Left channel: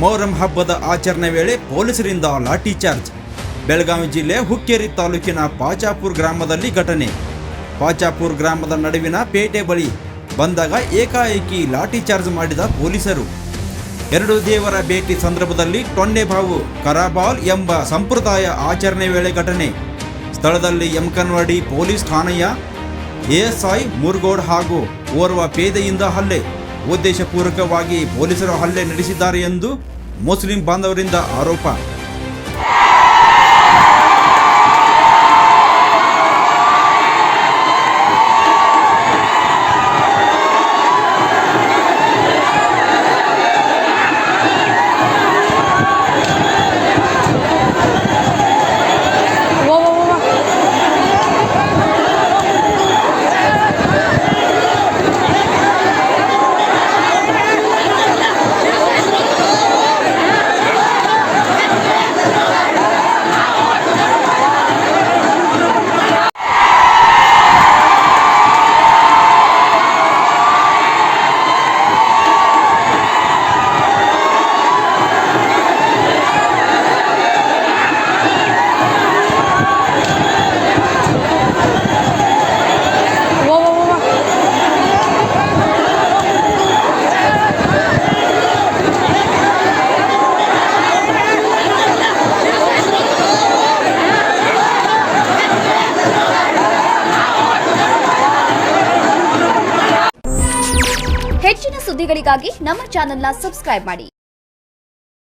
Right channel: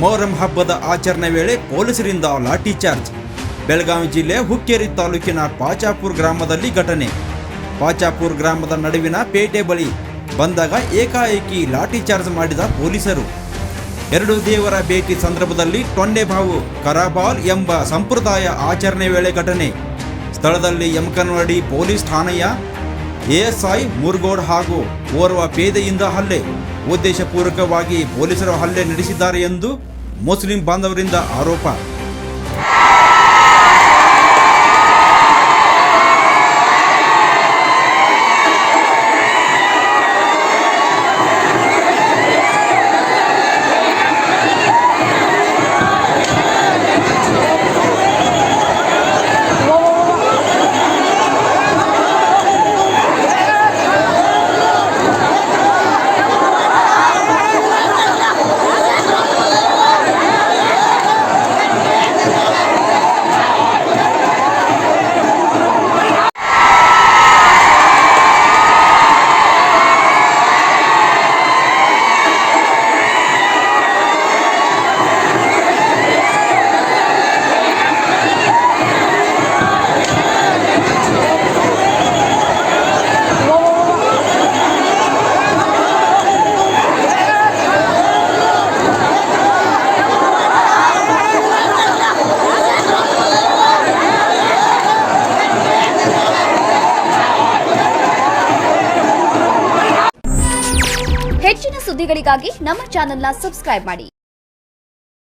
ಮೊಹರಂ ಹಬ್ಬದ ಆಚರಣೆ ವೇಳೆ ಪೊಲೀಸರಿಂದ ಲಾಠಿ ಚಾರ್ಜ್. ಬೆಳಗಾವಿ ಜಿಲ್ಲೆ ಹುಕ್ಕೇರಿ ತಾಲೂಕಿನ ಪಾಚಾಪುರ್ ಗ್ರಾಮದಲ್ಲಿ ಘಟನೆ. ಪಾಚಾಪುರ್ ಗ್ರಾಮದ ನಡುವಿನ ಪೇಟೆ ಬಳಿ ಬಂದಾಗ ಏಕಾಏಕಿ ಲಾಠಿ ಚಾರ್ಜ್ ಮಾಡಿದ ಪೊಲೀಸರು. ಎರಡು ದೇವರ ಭೇಟಿ ಸಂದರ್ಭದಲ್ಲಿ ಟೊಂಡೆಬಾವು ಕರಾಬಾಲ್ ಎಂಬ ಸಂಪ್ರದಾಯ ಆಚರಣೆ ವೇಳೆ ಘಟನೆ. ಸ್ಥಳದಲ್ಲಿ ಯಮಕನವಾಡಿ ಪೊಲೀಸ್ ಠಾಣೆಯ ಎಎಸ್ಐ ಮುರ್ಗೋಡ್ ಹಾಗೂ ಓರ್ವ ಪೇದೆಯಿಂದ ಹಲ್ಲೆ. ಉದ್ದೇಶಪೂರ್ವಕವಾಗಿ ಪೊಲೀಸರು ಹಲ್ಲೆ ನಡೆಸಿದ್ದಾರೆ ಎಂದು ಮುಸ್ಲಿಂ ಬಾಂಧವರಿಂದ ಆರೋಪ. ಸುದ್ದಿಗಳಿಗಾಗಿ ನಮ್ಮ ಚಾನೆಲ್ನ ಸಬ್ಸ್ಕ್ರೈಬ್ ಮಾಡಿ.